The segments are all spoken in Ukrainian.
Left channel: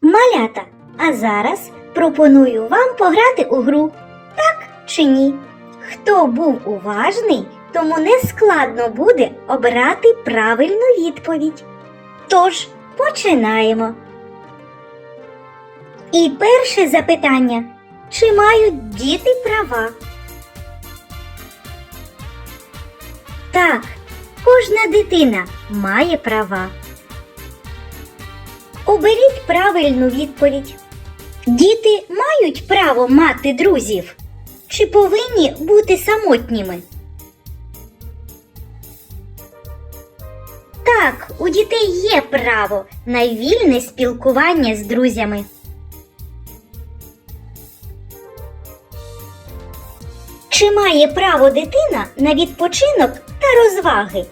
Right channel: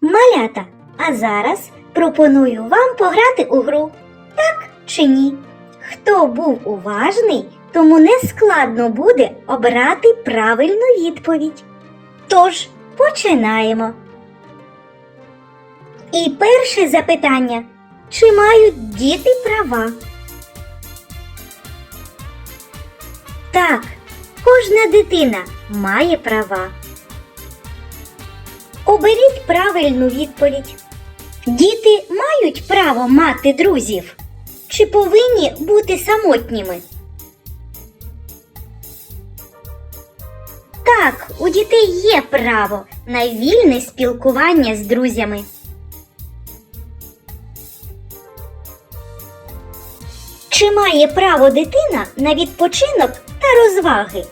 Малята, а зараз пропоную вам пограти у гру. Так чи ні? Хто був уважний, тому не складно буде обрати правильну відповідь. Тож, починаємо. І перше запитання: чи мають діти права? Так, кожна дитина має права. Оберіть правильну відповідь. Діти мають право мати друзів чи повинні бути самотніми? Так, у дітей є право на вільне спілкування з друзями. Чи має право дитина на відпочинок та розваги?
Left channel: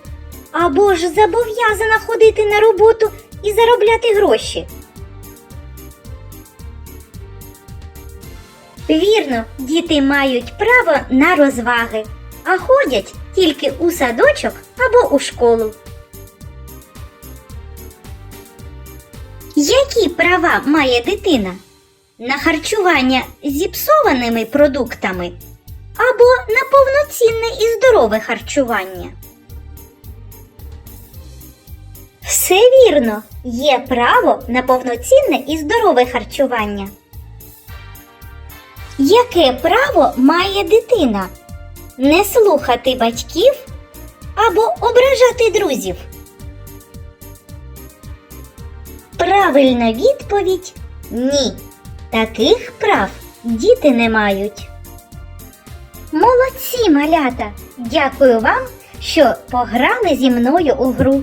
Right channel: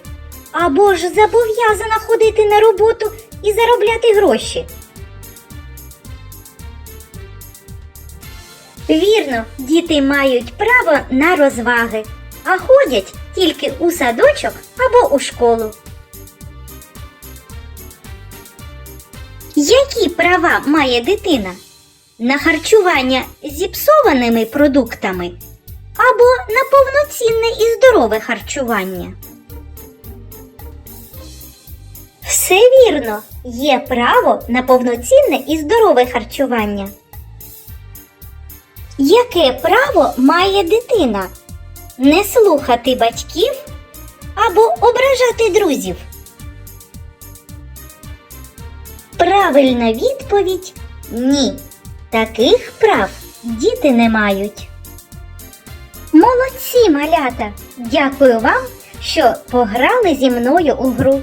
Або ж зобов'язана ходити на роботу і заробляти гроші? Вірно, діти мають право на розваги, а ходять тільки у садочок або у школу. Які права має дитина? На харчування зіпсованими продуктами або на повноцінне і здорове харчування? Все вірно, є право на повноцінне і здорове харчування. Яке право має дитина? Не слухати батьків або ображати друзів? Правильна відповідь ні. Таких прав діти не мають. Молодці, малята! Дякую вам, що пограли зі мною у гру.